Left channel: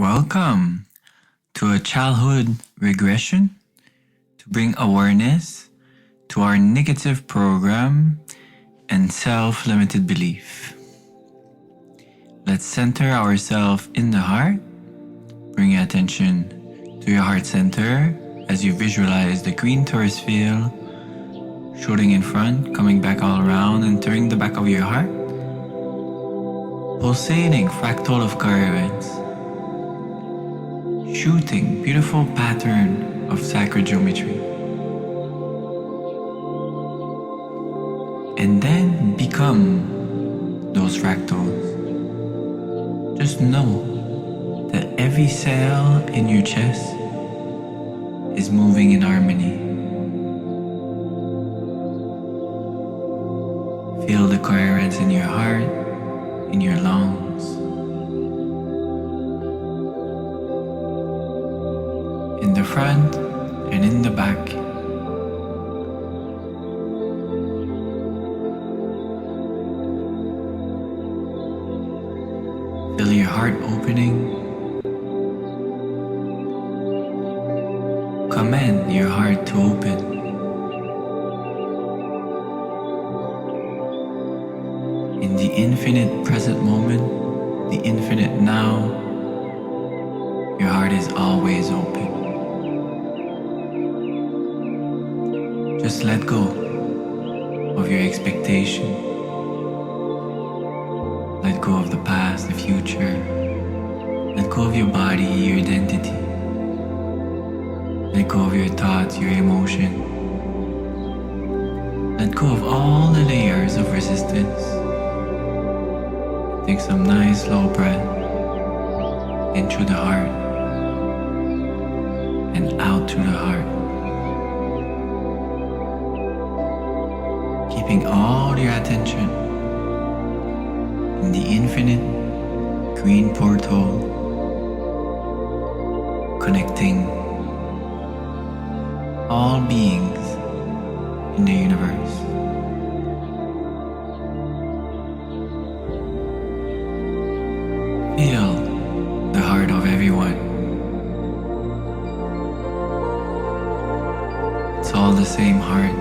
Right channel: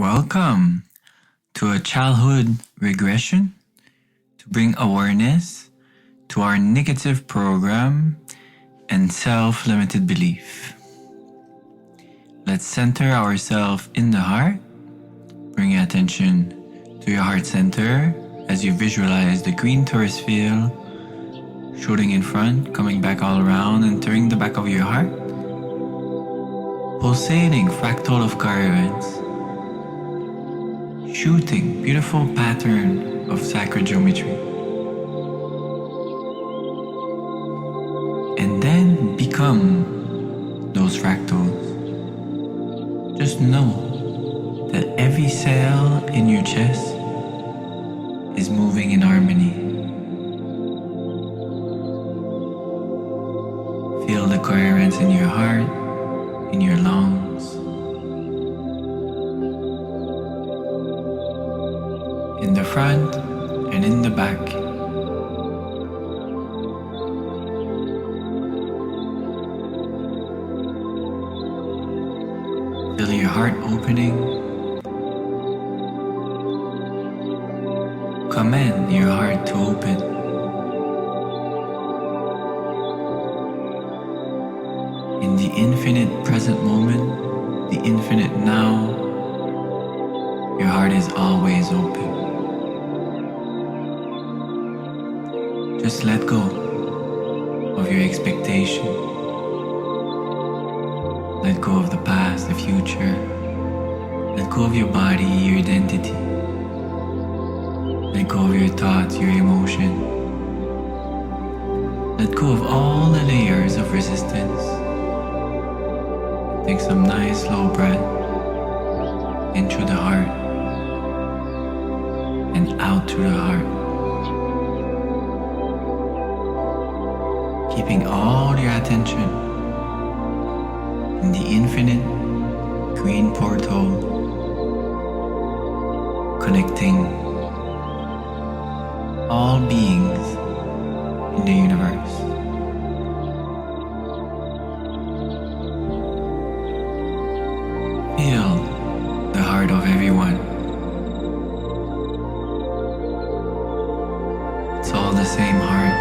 Welcome to a childhood regression to bring awareness to our negative program and self-limited belief. Let's center ourselves in the heart. Bring your attention to your heart center as you visualize the green torus field shooting in front, coming back all around, entering the back of your heart. Pulsating fractal of coherence, shooting beautiful pattern of sacred geometry. And then become those fractals. Just know that every cell in your chest is moving in harmony. Feel the coherence in your heart, in your lungs, in the front and in the back. Feel your heart opening. Command your heart to open. In the infinite present moment, the infinite now, your heart is always open. Just let go of your expectation. Let go of the past, the future. Let go of your body, your identity. Let go of your thoughts, your emotion. Let go of all the layers of resistance. Take some nice slow breath in through the heart and out through the heart. Keeping all your attention in the infinite green portal, connecting all beings in the universe. Feel the heart of everyone. It's all the same heart.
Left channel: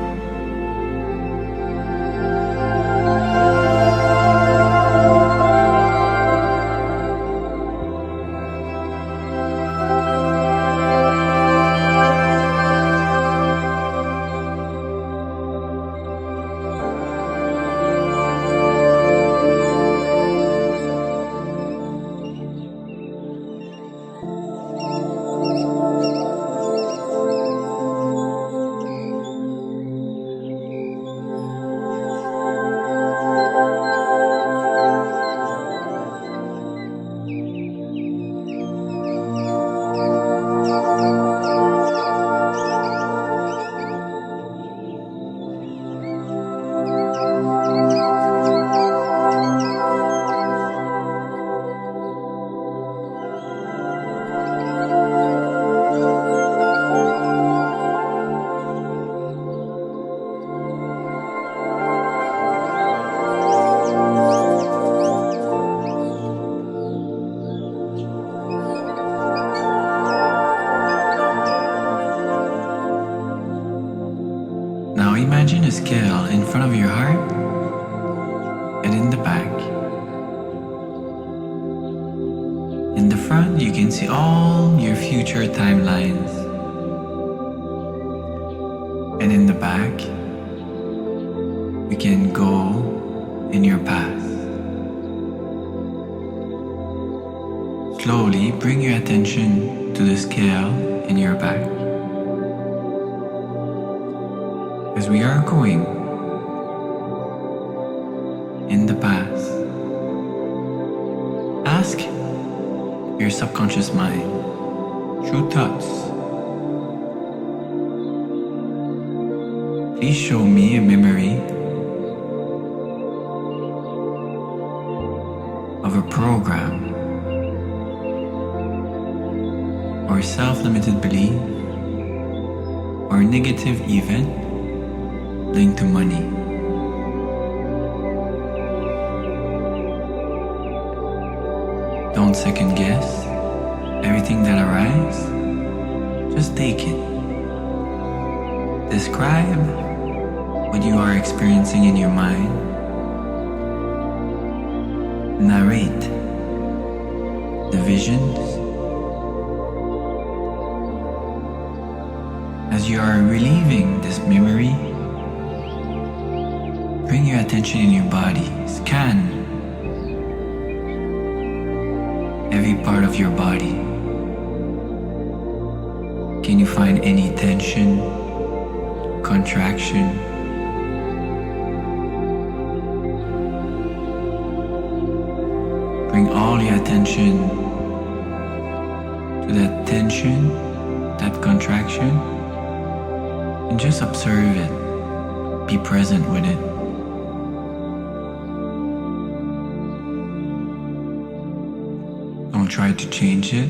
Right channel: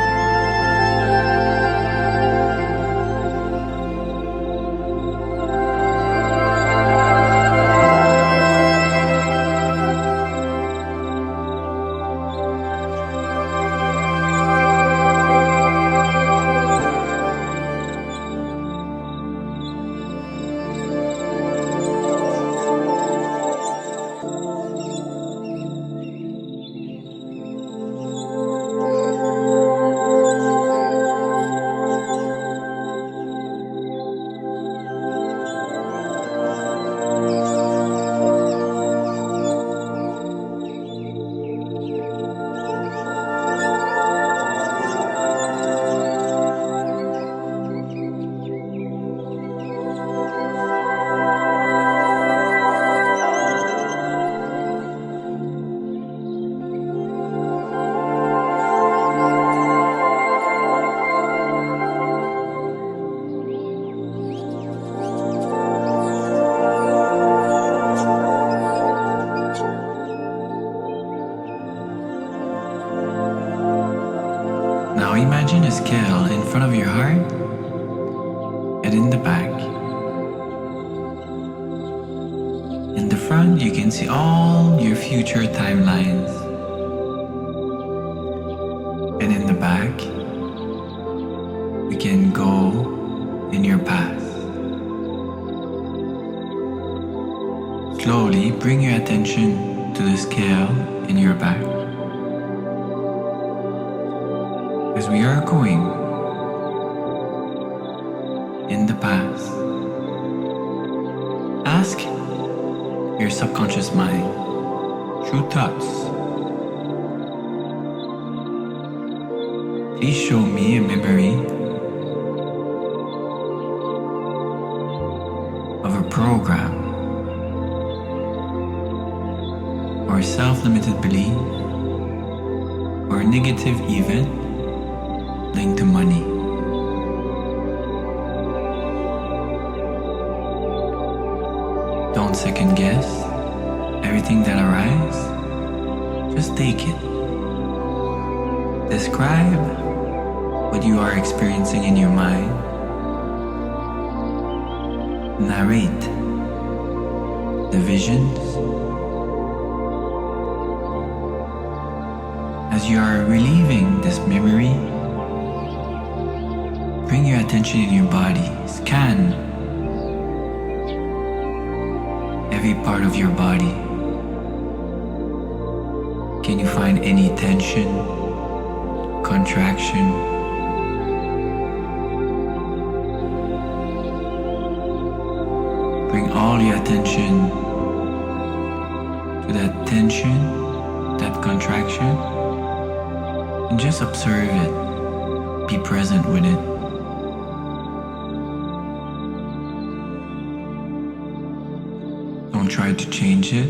Now imagine a scale in front of your heart and in the back. In the front, you can see all your future timelines. And in the back, you can go in your past. Slowly bring your attention to the scale in your back. As we are going in the past, ask your subconscious mind through thoughts, please show me a memory of a program or self-limited belief or negative event linked to money. Don't second guess. Everything that arises, just take it. Describe what you are experiencing in your mind. Narrate the visions. As you are relieving this memory, bring your attention in your body. Scan every part of your body. Can you find any tension, contraction? Bring all your attention to that tension, that contraction, and just observe it. Be present with it. Don't try to change it.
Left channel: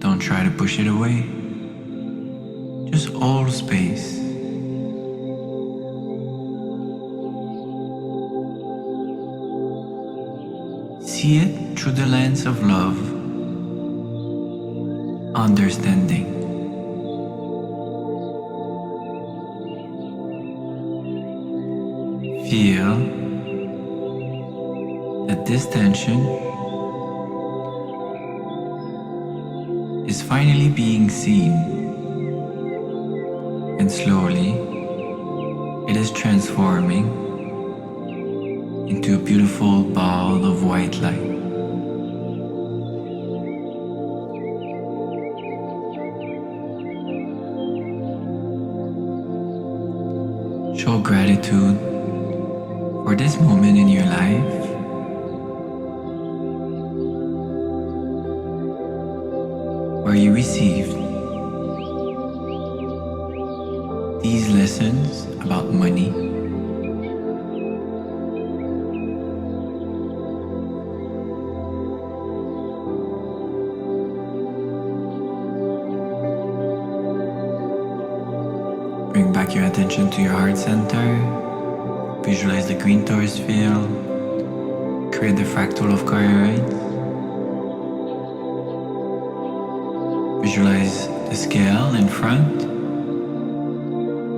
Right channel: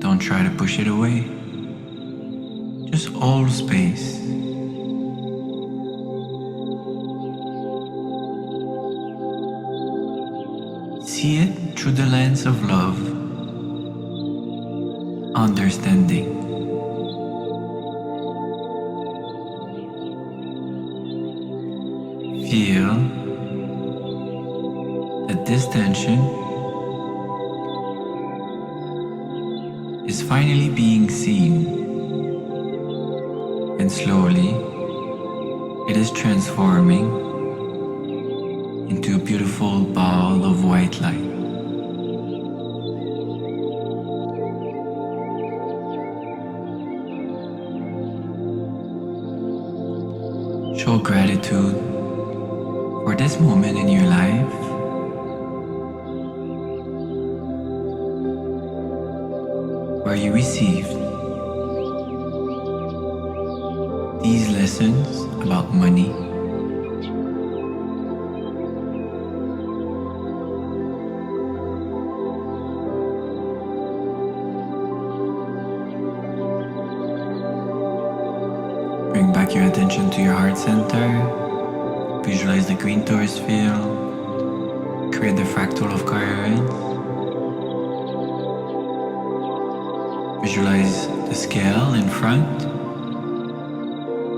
Don't try to push it away. Just hold space. See it through the lens of love, understanding. Feel that this tension is finally being seen, and slowly it is transforming into a beautiful ball of white light. Show gratitude for this moment in your life. Where you received these lessons about money. Bring back your attention to your heart center. Visualize the green torus field. Create the fractal of coherence. Visualize the scale in front,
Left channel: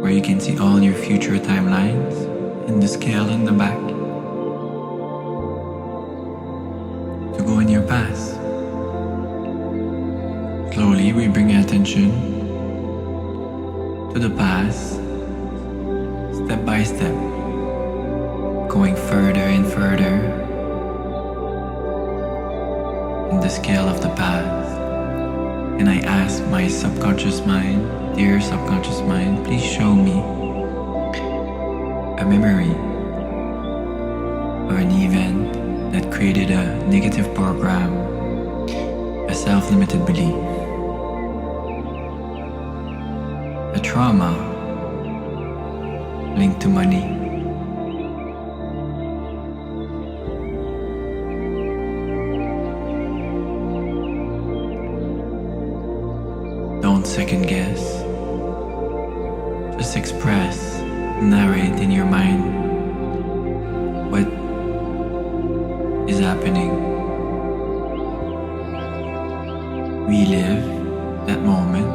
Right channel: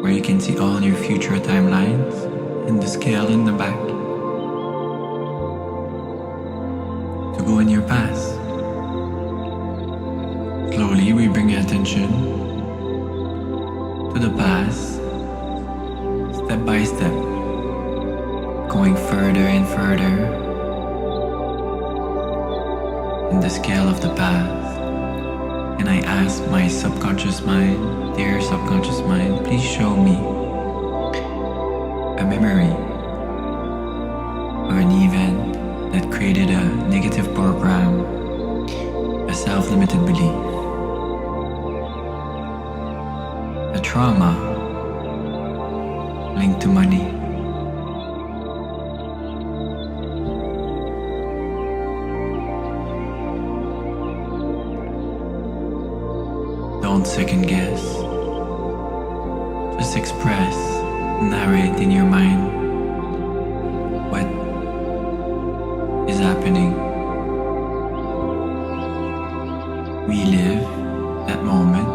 where you can see all your future timelines, and the scale in the back to go in your past. Slowly we bring attention to the past, step by step, going further and further in the scale of the past. And I ask my subconscious mind, dear subconscious mind, please show me a memory of an event that created a negative program, a self-limited belief, a trauma linked to money. Don't second guess. Just express, narrate in your mind what is happening. Relive that moment.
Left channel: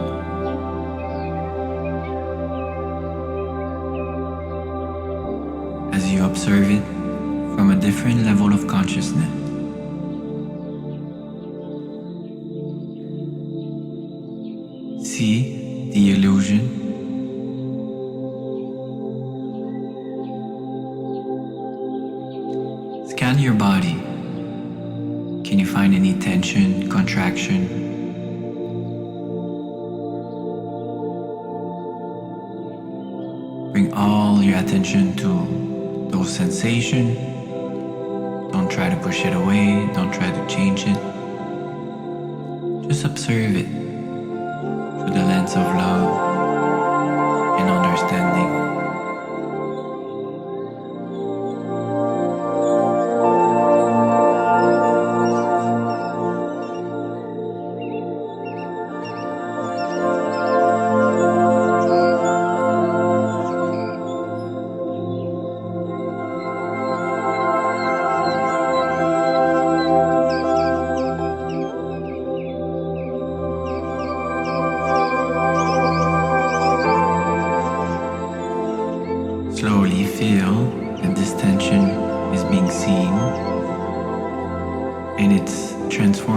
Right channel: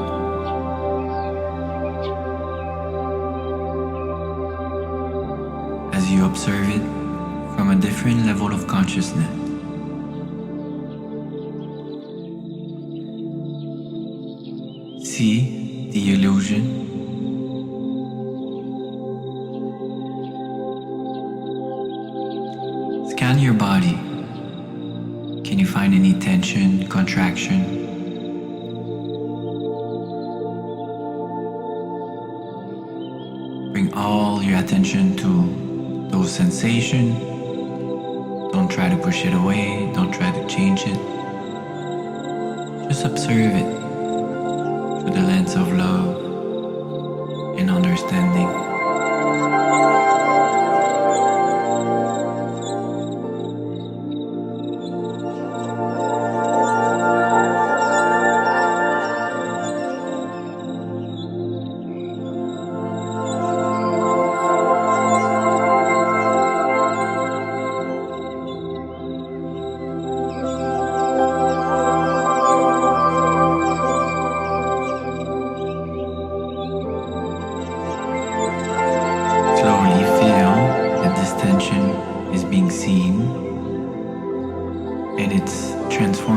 As you observe it from a different level of consciousness. See the illusion. Scan your body. Can you find any tension, contraction? Bring all your attention to those sensations. Don't try to push it away. Don't try to change it. Just observe it through the lens of love and understanding.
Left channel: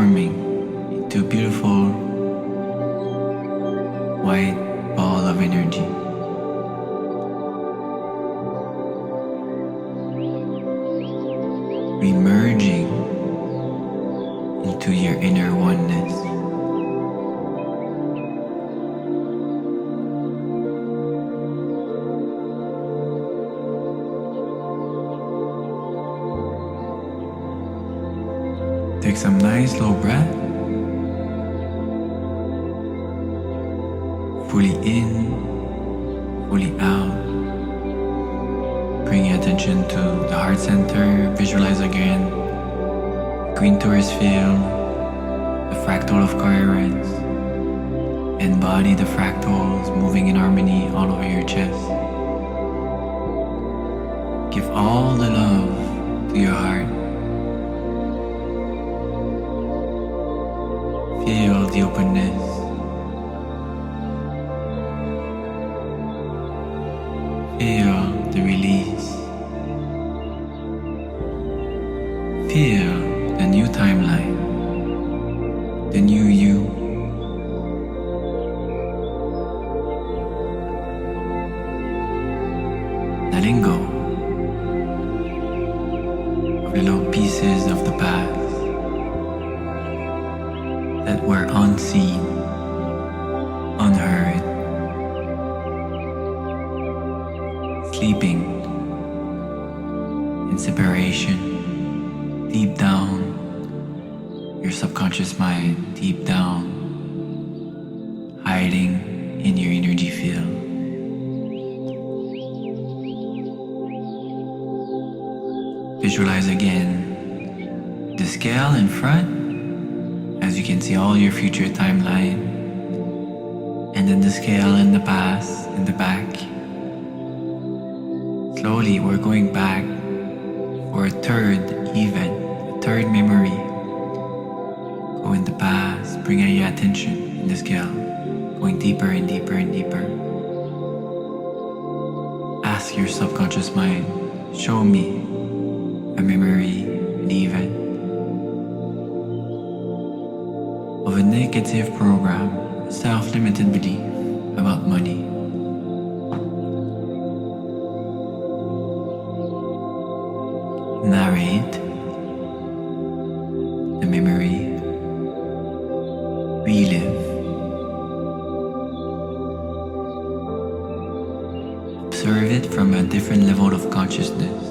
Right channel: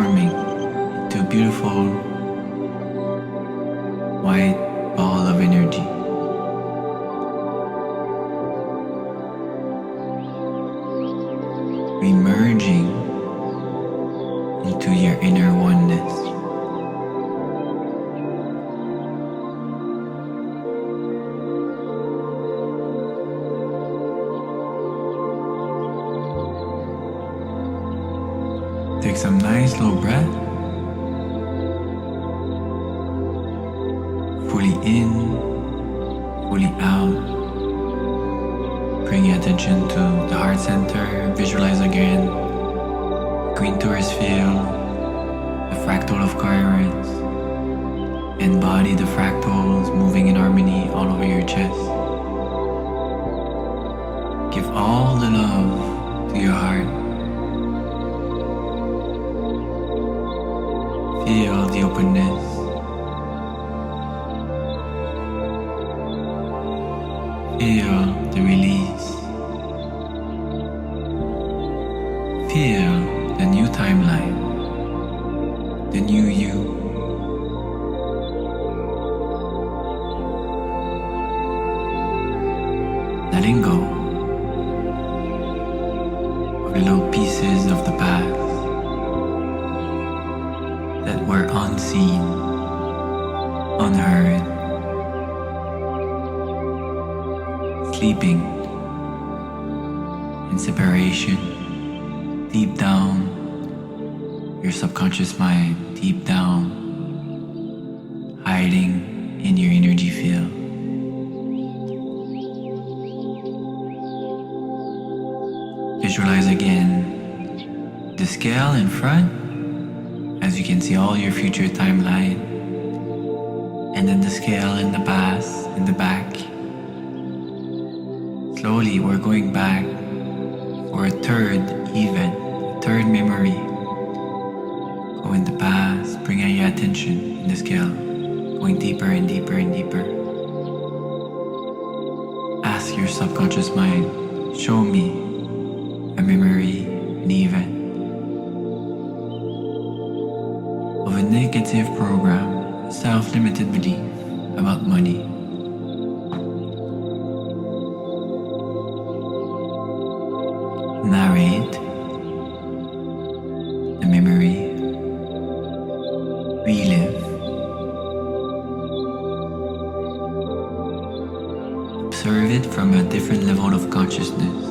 transforming into a beautiful white ball of energy. Remerging into your inner oneness. Take some nice slow breath. Fully in, fully out. Bring your attention to the heart center. Visualize again green tourist field, the fractal of coherence. Embody the fractals moving in harmony all over your chest. Give all the love to your heart. Feel the openness. Feel the release. Feel the new timeline, the new you. Letting go of the little pieces of the past that were unseen, unheard, sleeping in separation, deep down your subconscious mind, deep down, hiding in your energy field. Visualize again the scale in front, as you can see all your future timeline, and then the scale in the past, in the back. Slowly, we're going back for a third event, a third memory. Go in the past, bring your attention in the scale, going deeper and deeper and deeper. Ask your subconscious mind, show me a memory, an event of a negative program, a self-limited belief about money. Narrate the memory, relive, observe it from a different level of consciousness.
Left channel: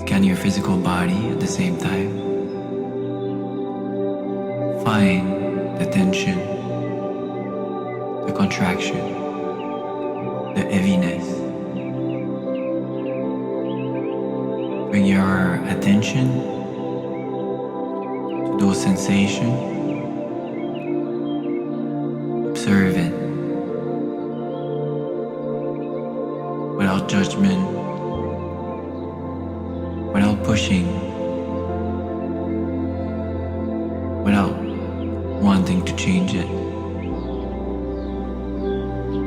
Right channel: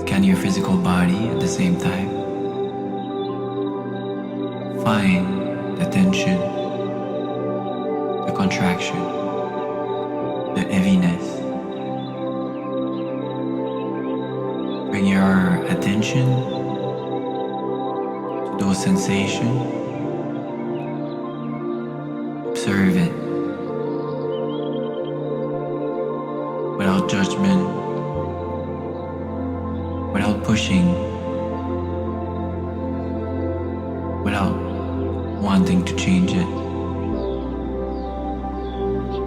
Scan your physical body at the same time. Find the tension, the contraction, the heaviness. Bring your attention to those sensations. Observe it without judgment, without pushing, without wanting to change it.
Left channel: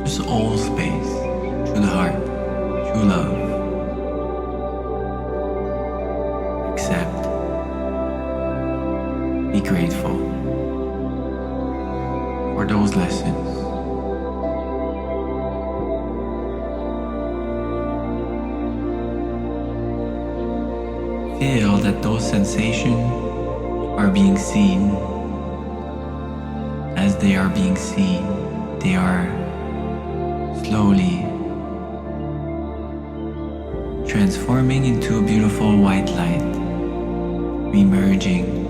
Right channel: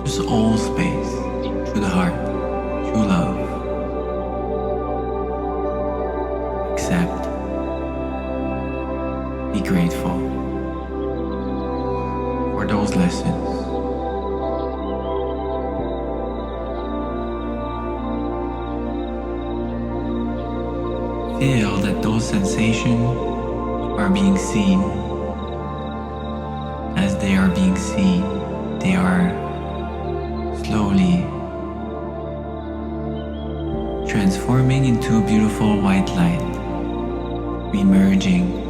Just hold space through the heart, through love. Accept. Be grateful for those lessons. Feel that those sensations are being seen. As they are being seen, they are slowly transforming into a beautiful white light, remerging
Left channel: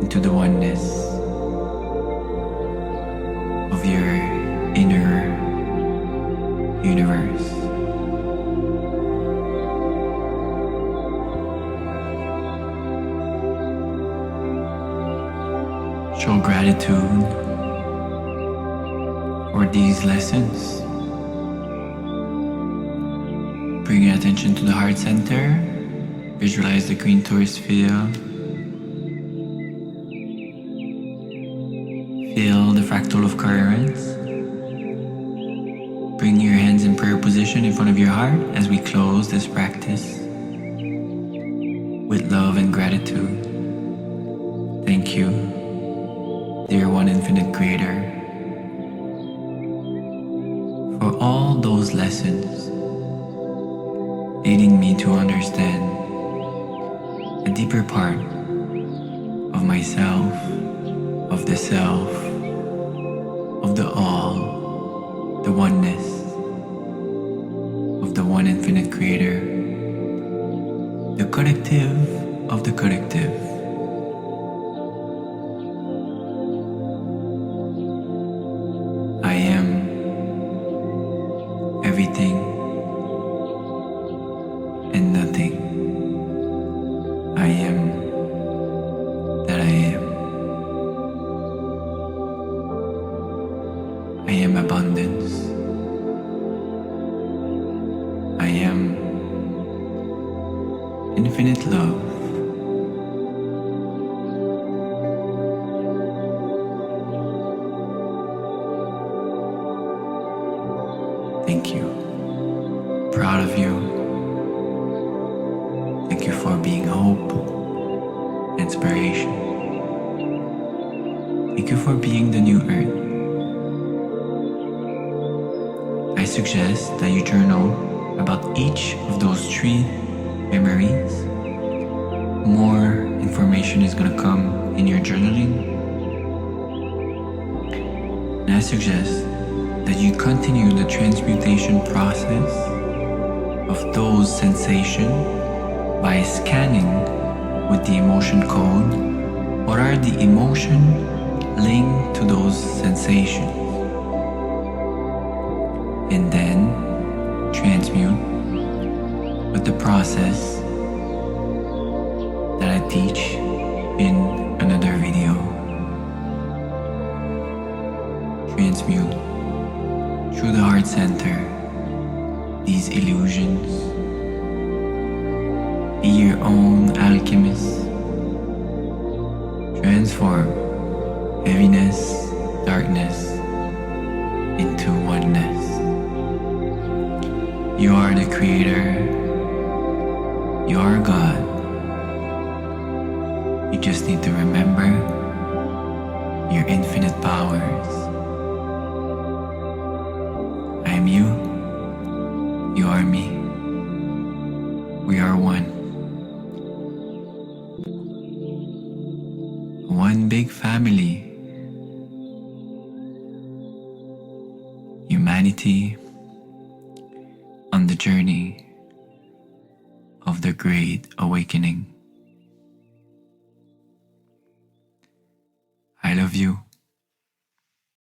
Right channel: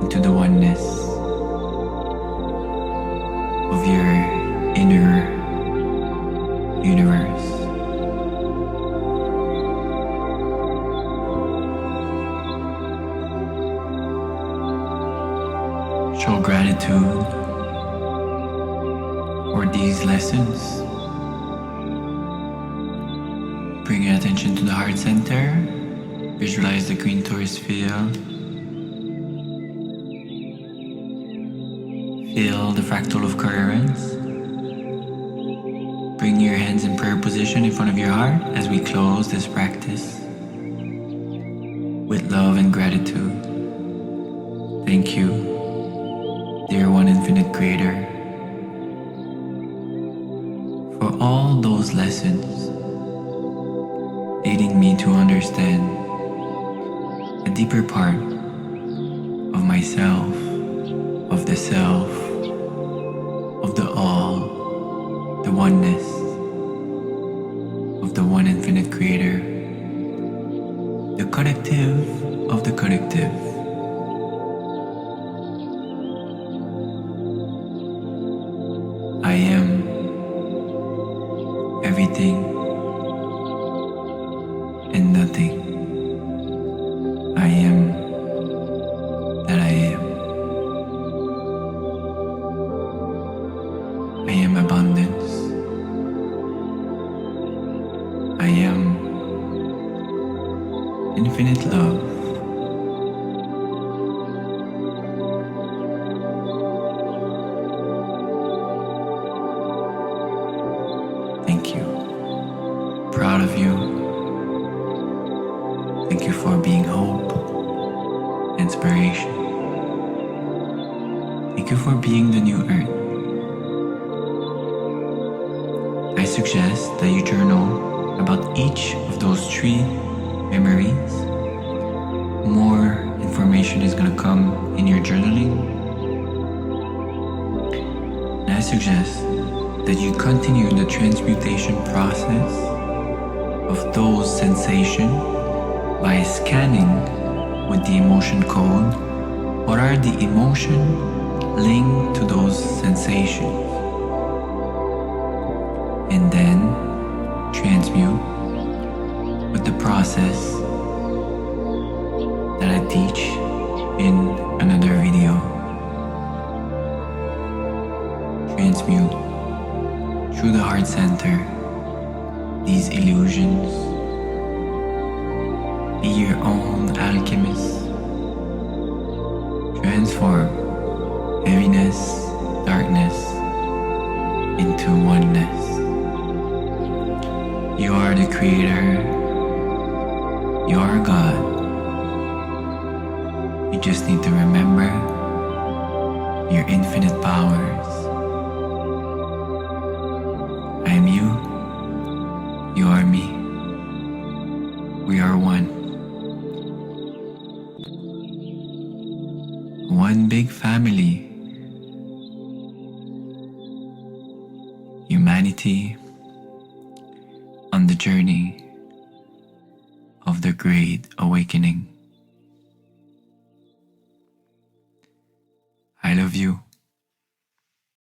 into the oneness of your inner universe. Show gratitude for these lessons. Bring your attention to the heart center. Visualize the green tourist field. Feel the fractal of coherence. Bring your hands in prayer position in front of your heart as we close this practice with love and gratitude. Thank you, dear One Infinite Creator, for all those lessons leading me to understand a deeper part of myself, of the self, of the all, the oneness of the One Infinite Creator, the collective of the collective. I am everything and nothing. I am that I am. I am abundance. I am infinite love. Thank you. Proud of you. Thank you for being hope, inspiration. Thank you for being the new earth. I suggest that you journal about each of those 3 memories. More information is going to come in your journaling. And I suggest that you continue the transmutation process of those sensations by scanning with the emotion code what are the emotions linked to those sensations, and then transmute with the process that I teach in another video. Transmute through the heart center these illusions. Be your own alchemist. Transform heaviness, darkness into oneness. You are the creator. You are God. You just need to remember your infinite powers. I am you. You are me. We are one. One big family. Humanity on the journey of the Great Awakening. I love you.